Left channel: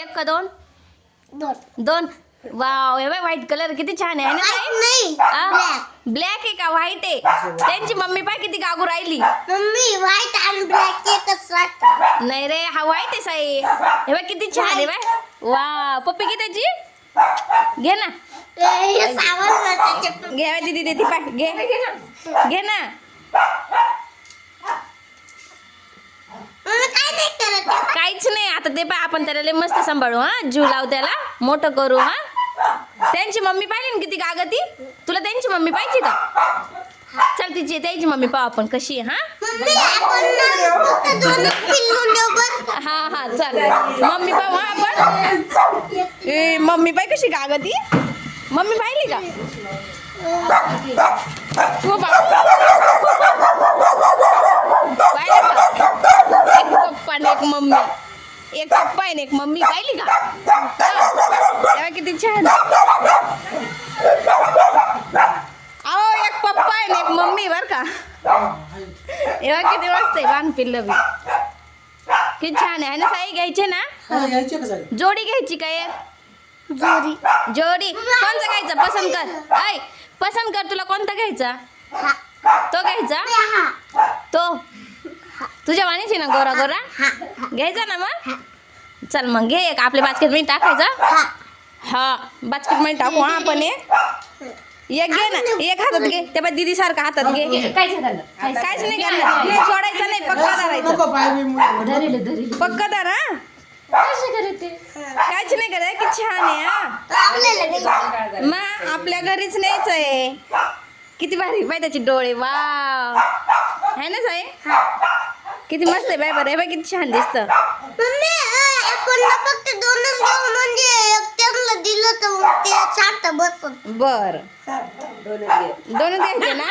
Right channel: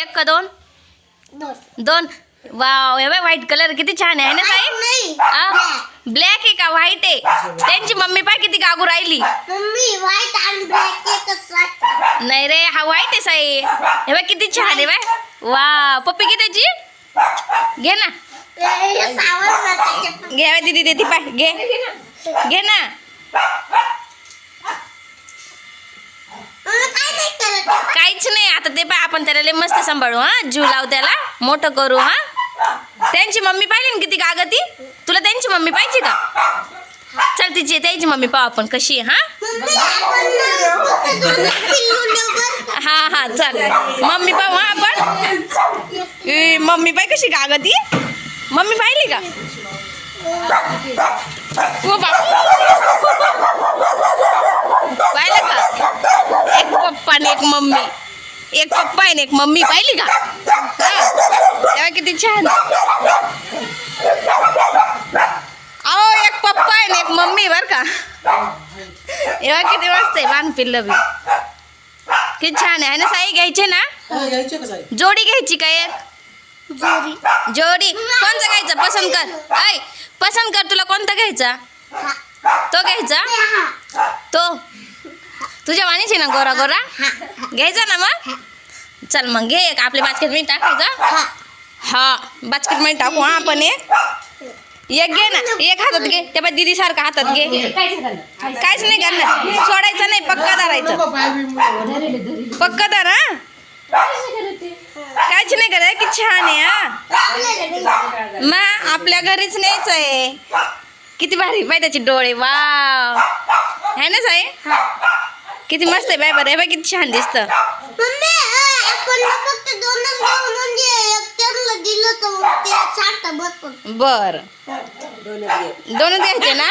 एक का दोन दोन वाव हे व्हाईट कलर किती छान आहे ना साहेब. ब्लॅक आहे का व्हाईट आहे. त्यांची मम्मी पाय किती गागू राहिली. मम्मी व्हाईट आणि ब्लॅक एकच वाटतं. नाही रे हा व्हाईट आहे साहेब. हे बाय किती छान आहे बाय. वा पप्पी किती त्याची घे ना हे सावध ना त्याच्यात. घे दीदी देती पाय घे घे ना. मम्मी काय नाही करत. काहीच नाही आता ते पाय आपण त्याला लय मस्त सांभाळू हा. जीव लावू त्याला मोठं करू हा. त्यांची मम्मी पाहिली ना किती गागती. तुला त्यांची मम्मी पाहिजे का. चल तिची त्याची मम्मी पाहू आपण कशी आहे हा. मम्मी आपण ना फक्त दोन पिल्लू देऊ. हा हा चल मम्मी पाहू हा आपण. ए मम्मी पाय कशी गागती. मम्मी पाहिली का. हो बाबा पाहिलं का. एक पप्पा आणि एक मम्मी. एक पप्पा आणि एक मम्मी पाहिली का. तेव्हा किती छान. अहो एक पप्पा आहे एक मम्मी बर का. एव्हा किती मस्त आहे लहान पिल्लं बी. किती छान आहे ना साई. घ्यायचे ना जोडी घ्यायची का एक जोडी. जोडी. कोणता घ्यायचा पसंत कर. ऐ पसंत कर तुला कोणता घ्यायचा. तो घ्यायचा तो तुझ्या वाणीची ना गोरा गोरा घ्यायचा ना मग. चल मग घे एक आपल्या बास्केटमध्ये टाकायचा. हा बास्केटमध्ये टाकू हा आपण एक घे ना. एक हातात घे त्या बाय दीदी सारखा हातात घे. काहीच नाही करणार. सोडायचं नाही पक्का धरायचं. पक्का धर हा. काहीच नाही करत. की छान आहे हा. मग आपल्या घरीच न्यायचं आहे. किती भारी बाय त्याचे डोळे वाव है ना साई. किती मस्त आहे बाय. बरं आहे बाय किती छान दिसतं. मम्मी आपण फक्त दोनच घेऊ म्हणजे एक त्यांना दिलं तर मग ते साठं बसून. बर दोनच घ्यायचे ना.